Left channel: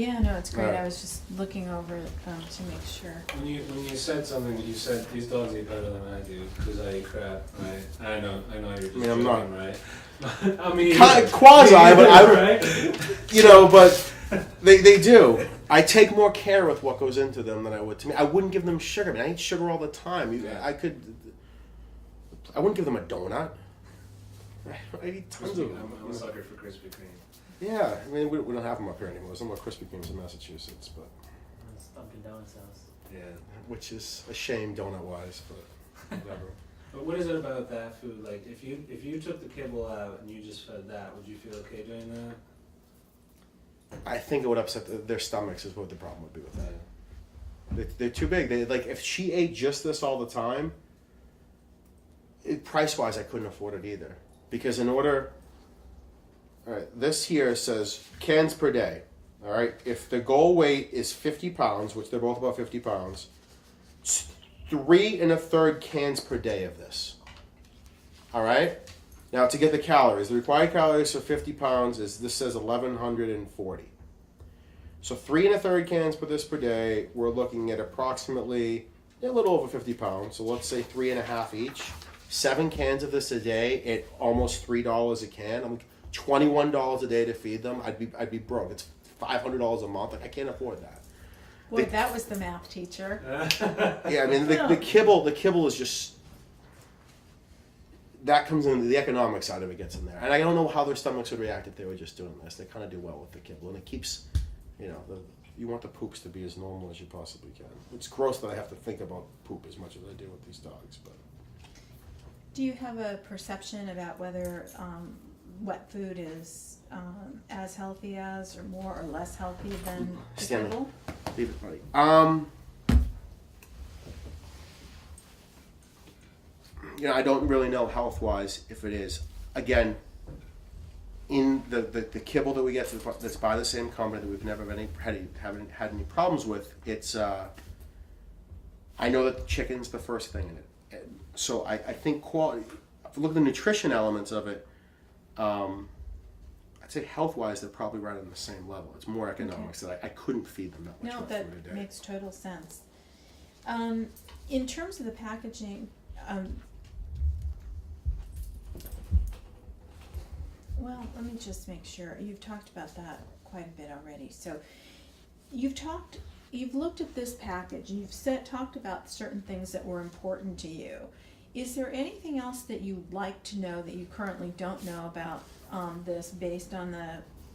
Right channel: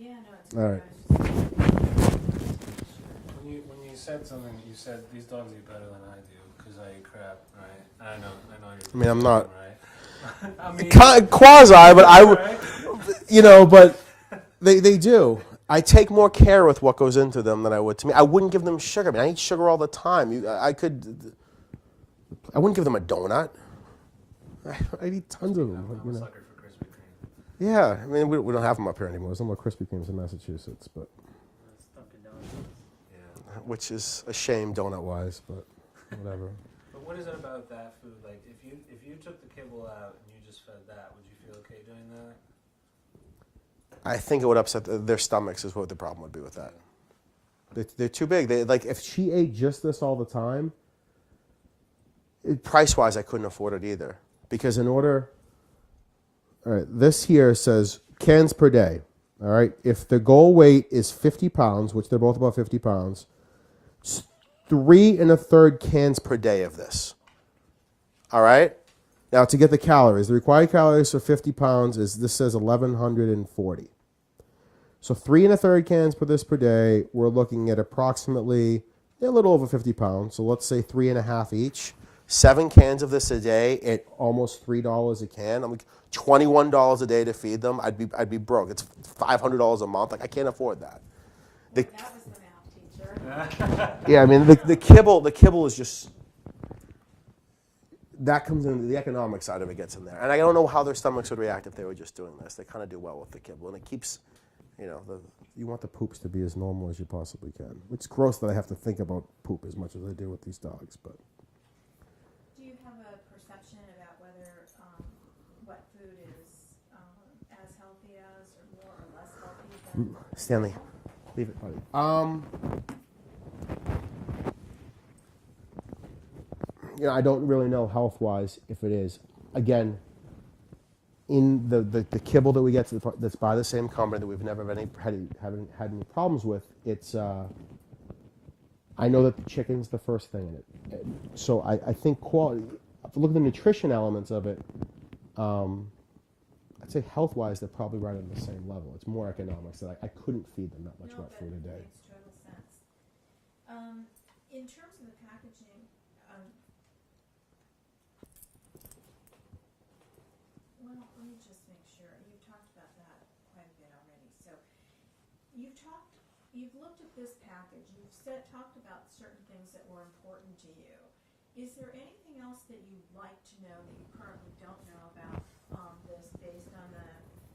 Yeah, no, it's great. Right. I was just looking over to make sure. When you said something, you said these dogs eat better than I do because I eat crap, right? I know you're just I mean, I'm not- joking, right? I mean, Quasi, but I would, right? but they do. I take more care with what goes into them than I would to me. I wouldn't give them sugar. I mean, I eat sugar all the time. I wouldn't give them a donut. I eat tons of them. I'm a sucker for Krispy Kreme. Yeah, I mean, we don't have them up here anymore. There's no more Krispy Kremes in Massachusetts, but It's Dunkin' Donuts. Yeah. which is a shame donut-wise, but whatever. But what is it about that food? Like, if you took the kibble out and you just fed that, would you feel okay doing that? I think it would upset their stomachs is what the problem would be with that. They're too big. They like if she ate just this all the time. Price wise, I couldn't afford it either because in order. All right, this here says cans per day. All right, if the goal weight is 50 pounds, which they're both about 50 pounds, it's 3 1/3 cans per day of this. All right. Now to get the calories, the required calories for 50 pounds is this says 1,140. So 3 1/3 cans per this per day. We're looking at approximately a little over 50 pounds. So let's say 3.5 each. 7 cans of this a day at almost $3 a can. I'm like $21 a day to feed them. I'd be broke. It's $500 a month. Like I can't afford that. Boy, that was the math teacher. Yeah, I mean the kibble is just that comes in the economic side of it gets in there, and I don't know how their stomachs would react if they were just doing this. They kind of do well with the kibble, and it keeps, you want the poops to be as normal as you possibly can. It's gross that I have to think about poop as much as I do with these dogs, but Do you have a perception about whether wet food is as healthy as, or more or less healthy than the Stanley. kibble? leave it, honey. I don't really know health-wise if it is. Again, in the kibble that we get that's by the same company that we've never haven't had any problems with, it's I know that the chicken's the first thing in it. So I think quality. If you look at the nutrition elements of it, I'd say health-wise they're probably right on the same level. It's more economics that I couldn't feed them that much No, wet that food a day. makes total sense. In terms of the packaging, well, let me just make sure. You've talked about that quite a bit already. So you've looked at this package, and you've talked about certain things that were important to you. Is there anything else that you'd like to know that you currently don't know about this based on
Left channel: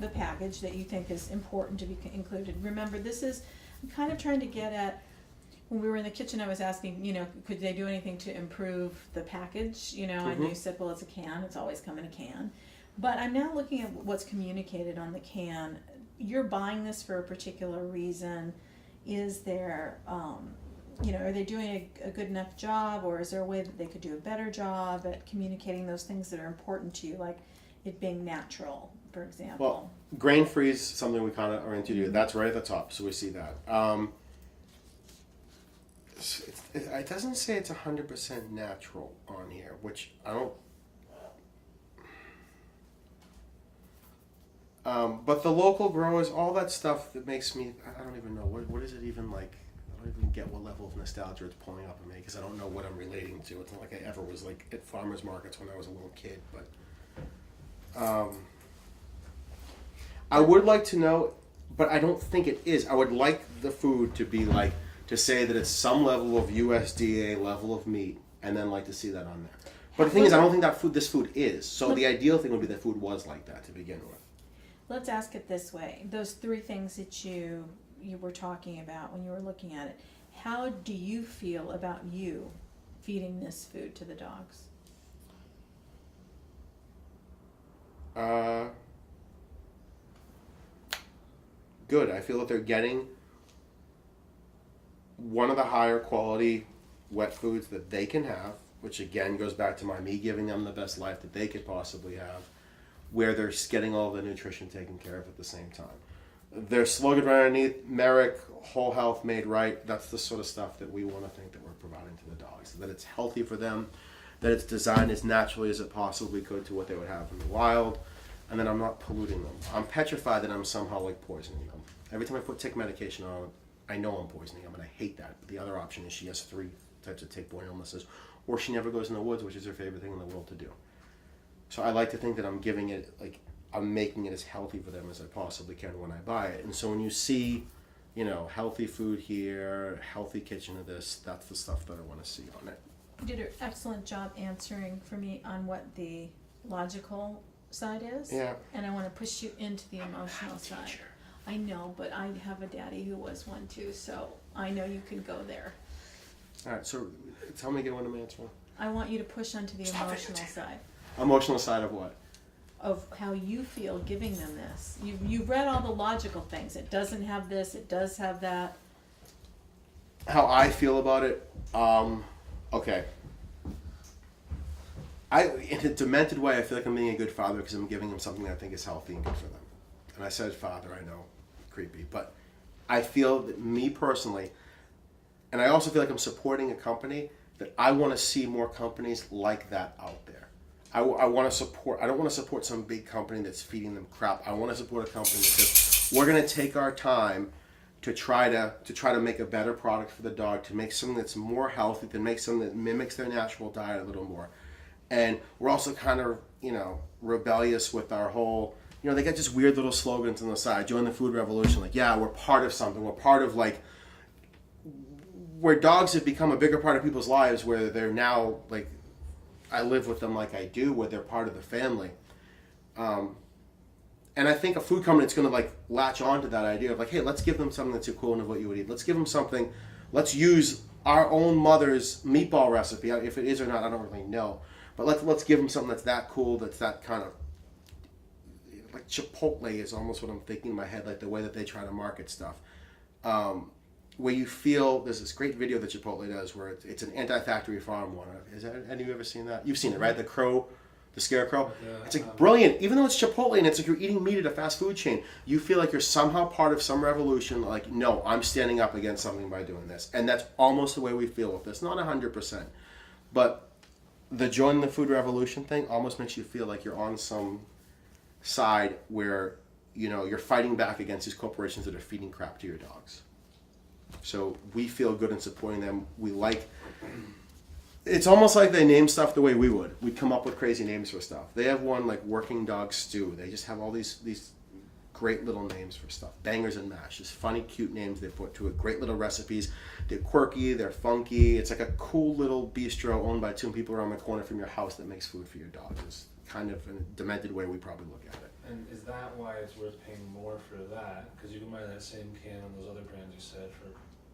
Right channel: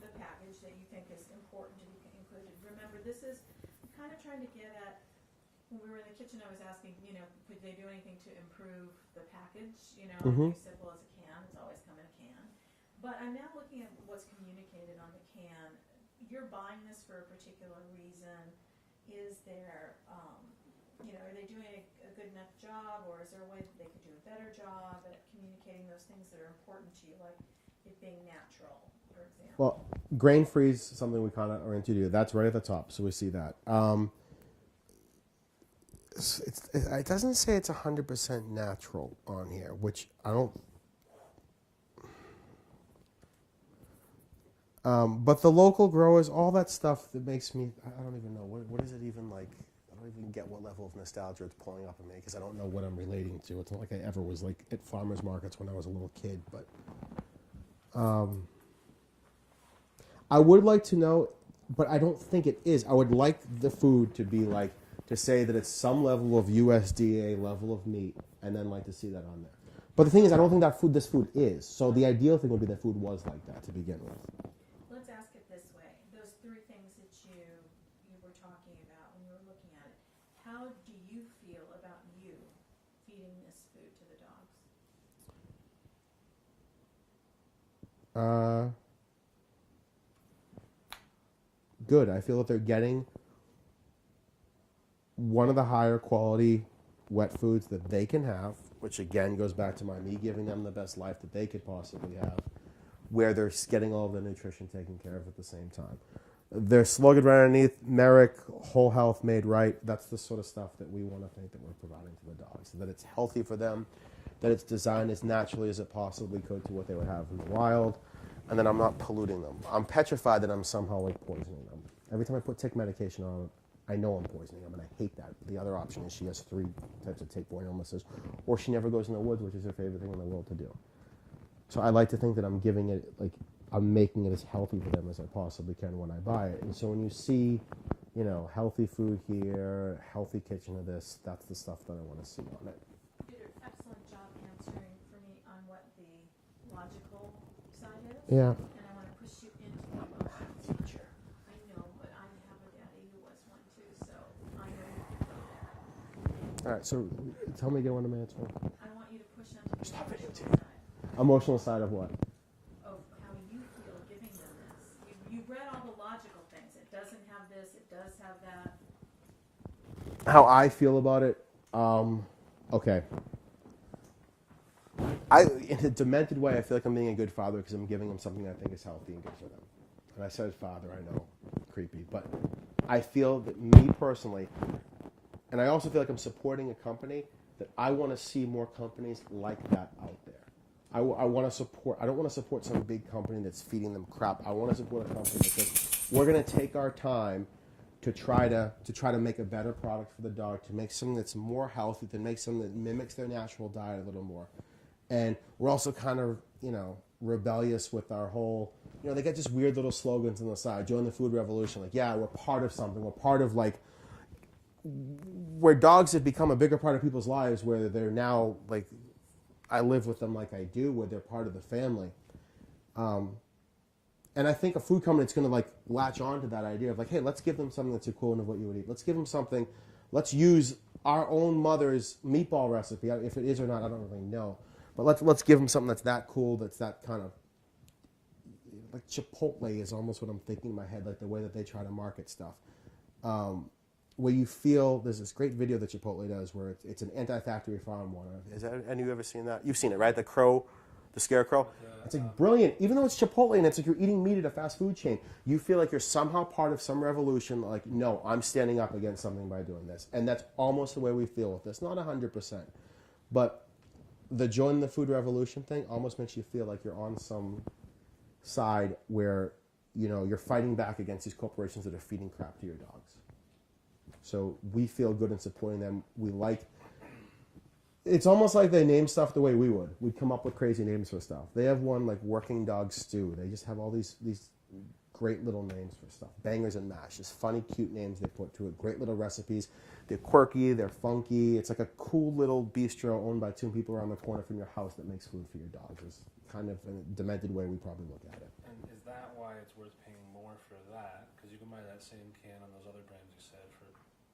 the package that you think is important to be included? Remember, I'm kind of trying to get at, when we were in the kitchen, I was asking, could they do anything to improve the package? And you said, well, it's a can. It's always come in a can. But I'm now looking at what's communicated on the can. You're buying this for a particular reason. Is there, are they doing a good enough job, or is there a way that they could do a better job at communicating those things that are important to you, like it being natural, for example? Well, grain-free is something we kind of are into. That's right at the top, so we see that. It doesn't say it's 100% natural on here, which I don't... but the local growers, all that stuff that makes me... I don't even know. What is it even like? I don't even get what level of nostalgia it's pulling up in me, because I don't know what I'm relating to. It's not like I ever was like at farmers markets when I was a little kid, but... I would like to know, but I don't think it is. I would like the food to be like, to say that it's some level of USDA level of meat, and then like to see that on there. But the thing is, I don't think this food is. So the ideal thing would be that food was like that to begin with. Let's ask it this way. Those 3 things that you were talking about when you were looking at it, how do you feel about you feeding this food to the dogs? Good. I feel that they're getting one of the higher quality wet foods that they can have, which again goes back to me giving them the best life that they could possibly have, where they're getting all the nutrition taken care of at the same time. They're slugged right underneath, Merrick, whole health made right. That's the sort of stuff that we want to think that we're providing to the dogs, that it's healthy for them, that it's designed as naturally as it possibly could to what they would have in the wild, and then I'm not polluting them. I'm petrified that I'm somehow like poisoning them. Every time I put tick medication on, I know I'm poisoning them, and I hate that. The other option is she has 3 types of tick-borne illnesses, or she never goes in the woods, which is her favorite thing in the world to do. So I like to think that I'm giving it, like, I'm making it as healthy for them as I possibly can when I buy it. And so when you see, you know, healthy food here, healthy kitchen of this, that's the stuff that I want to see on it. You did an excellent job answering for me on what the logical side is. Yeah. And I want to push you into the emotional side. I know, but I have a daddy who was one too, so I know you can go there. All right, so tell me again what I'm answering. I want you to push onto the Stop emotional videotaping. side Emotional side of what? of how you feel giving them this. You've read all the logical things. It doesn't have this, it does have that. How I feel about it, okay. In a demented way, I feel like I'm being a good father because I'm giving them something that I think is healthy and good for them. And I said father, I know, creepy, but I feel that me personally, and I also feel like I'm supporting a company that I want to see more companies like that out there. I want to support, I don't want to support some big company that's feeding them crap. I want to support a company because we're going to take our time to try to make a better product for the dog, to make something that's more healthy, to make something that mimics their natural diet a little more. And we're also kind of, you know, rebellious with our whole, you know, they got just weird little slogans on the side. Join the food revolution. Like, yeah, we're part of something. We're part of, like, where dogs have become a bigger part of people's lives, where they're now, like, I live with them like I do, where they're part of the family. And I think a food company that's going to, like, latch on to that idea of, like, hey, let's give them something that's equivalent of what you would eat. Let's give them something. Let's use our own mother's meatball recipe. If it is or not, I don't really know. But let's give them something that's that cool, that's that kind of, like Chipotle is almost what I'm thinking in my head, like the way that they try to market stuff. Where you feel, there's this great video that Chipotle does where it's an anti-factory farm one. Has any of you ever seen that? You've seen it, right? The crow, the scarecrow. It's like brilliant. Even though it's Chipotle and it's like you're eating meat at a fast food chain, you feel like you're somehow part of some revolution. Like, no, I'm standing up against something by doing this. And that's almost the way we feel with this. Not 100%. But the join the food revolution thing almost makes you feel like you're on some side where, you know, you're fighting back against these corporations that are feeding crap to your dogs. So we feel good in supporting them. We like, it's almost like they name stuff the way we would. We'd come up with crazy names for stuff. They have one like Working Dog Stew. They just have all these great little names for stuff. Bangers and Mash. Just funny, cute names they put to it. Great little recipes. They're quirky. They're funky. It's like a cool little bistro owned by 2 people around the corner from your house that makes food for your dog. It's kind of in a demented way we probably look at it. And is that why it's worth paying more for that? Because you can buy that same can on those other brands you said for,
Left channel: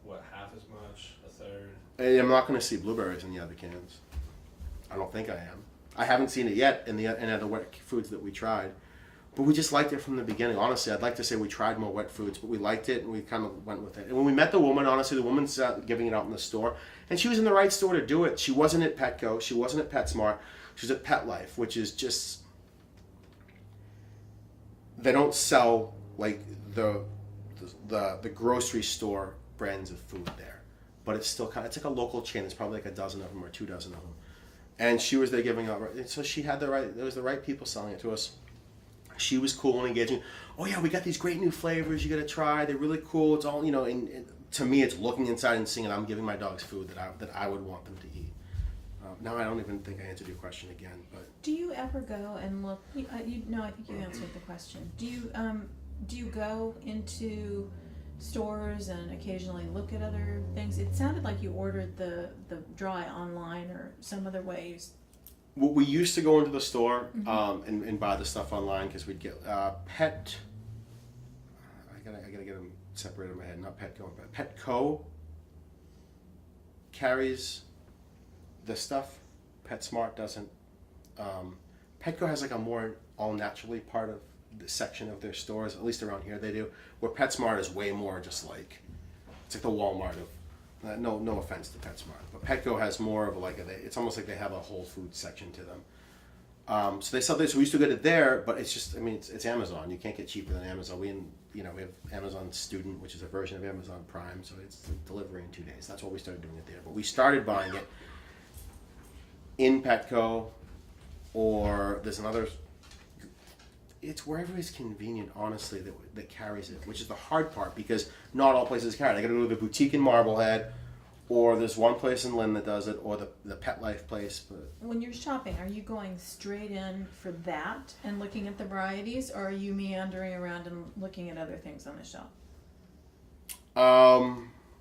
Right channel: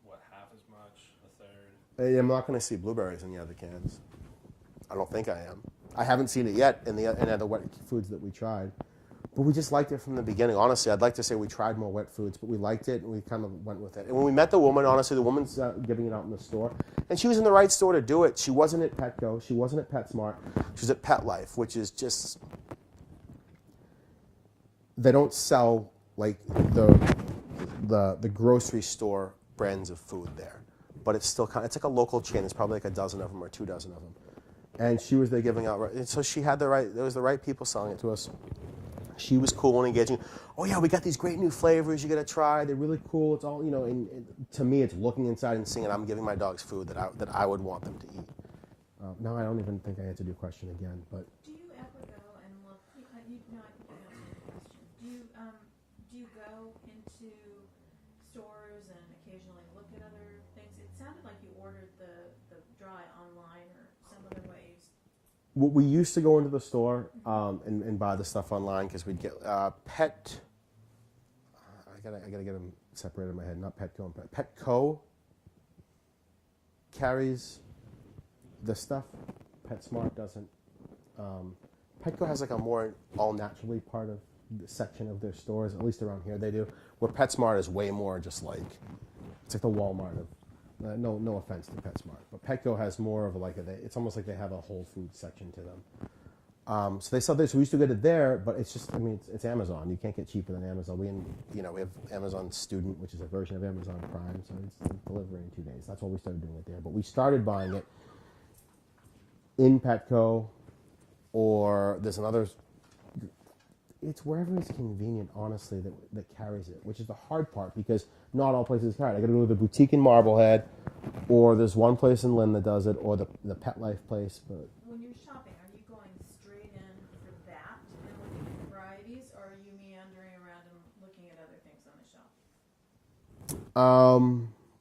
what, half as much, a third? I'm not going to see blueberries in the other cans. I don't think I am. I haven't seen it yet in other wet foods that we tried. But we just liked it from the beginning. Honestly, I'd like to say we tried more wet foods, but we liked it and we kind of went with it. And when we met the woman, honestly, the woman's giving it out in the store. And she was in the right store to do it. She wasn't at Petco. She wasn't at PetSmart. She was at Pet Life, which is just... They don't sell, like, the grocery store brands of food there. But it's still kind of... It's like a local chain. It's probably like a dozen of them or 2 dozen of them. And she was there giving out... And so she had the right... There was the right people selling it to us. She was cool and engaging. Oh yeah, we got these great new flavors you gotta try. They're really cool. It's all, you know, and to me it's looking inside and seeing it. I'm giving my dogs food that I would want them to eat. Now I don't even think I answered your question again, but. Do you ever go and look, I think you answered the question. Do you go into stores and occasionally look at other things? It sounded like you ordered the dry online or some other ways. We used to go into the store and buy the stuff online because we'd get Pet. I gotta get them separated in my head. Not Petco, but Petco carries the stuff. PetSmart doesn't. Petco has like a more all naturally part of the section of their stores. At least around here they do. Where PetSmart is way more just like it's like the Walmart of. No offense to PetSmart, but Petco has more of like it's almost like they have a Whole Foods section to them. So they sell this. So we used to go to there, but it's just it's Amazon. You can't get cheaper than Amazon. We have Amazon Student, which is a version of Amazon Prime, so it's delivery in 2 days. That's why we started doing it there. But we started buying it in Petco, or there's another. it's wherever is convenient, honestly, that carries it, which is the hard part because not all places carry it. I got to go to the boutique in Marblehead, or there's one place in Lynn that does it, or the Pet Life place. But When you're shopping, are you going straight in for that and looking at the varieties, or are you meandering around and looking at other things on the shelf?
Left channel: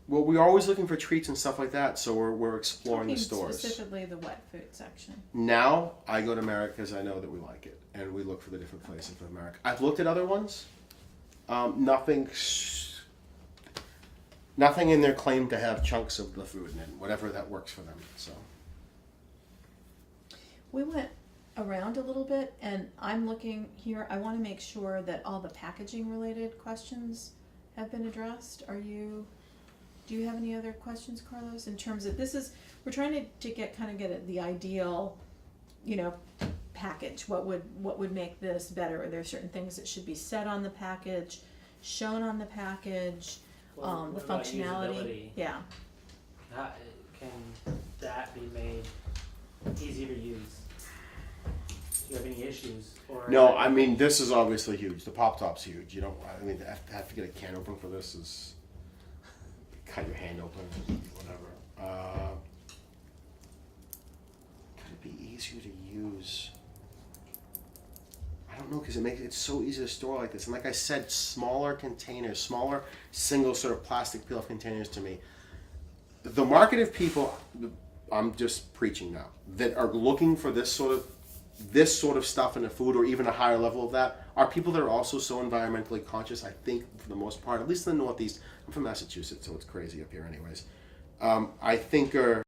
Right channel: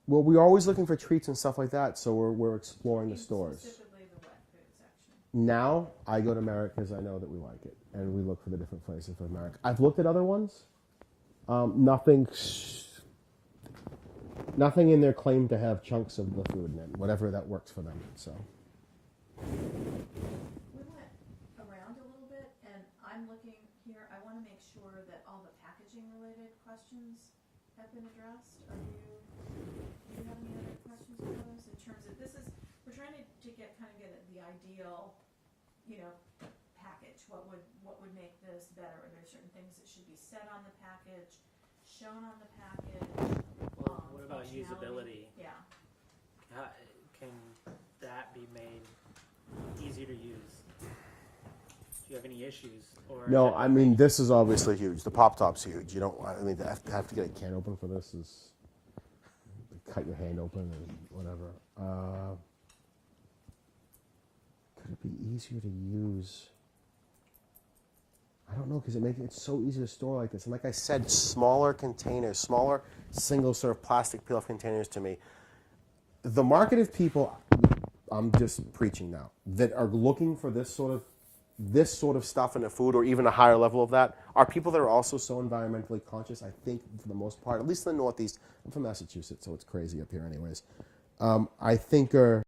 well, we're always looking for treats and stuff like that, so we're exploring the Talking stores. specifically the wet food section. Now I go to Merrick because I know that we like it, and we look for the different places for Merrick. I've looked at other ones. Nothing in their claim to have chunks of the food in it, whatever that works for them. So We went around a little bit, and I'm looking here. I want to make sure that all the packaging related questions have been addressed. Do you have any other questions, Carlos? In terms of we're trying to get at the ideal, package. What would make this better? Are there certain things that should be said on the package, shown on the package? Well, The what about functionality. usability? Yeah. Can that be made easy to use? Do you have any issues? Or no, I mean this is obviously huge. The pop top's huge. You don't. I mean, I have to get a can open for this. Is cut your hand open and whatever. Could it be easier to use? I don't know because it's so easy to store like this. And like I said, smaller containers, smaller single serve plastic peel-off containers. To me, the market of people, I'm just preaching now, that are looking for this sort of stuff in the food, or even a higher level of that, are people that are also so environmentally conscious. I think for the most part, at least in the Northeast. I'm from Massachusetts, so it's crazy up here, anyways. I think are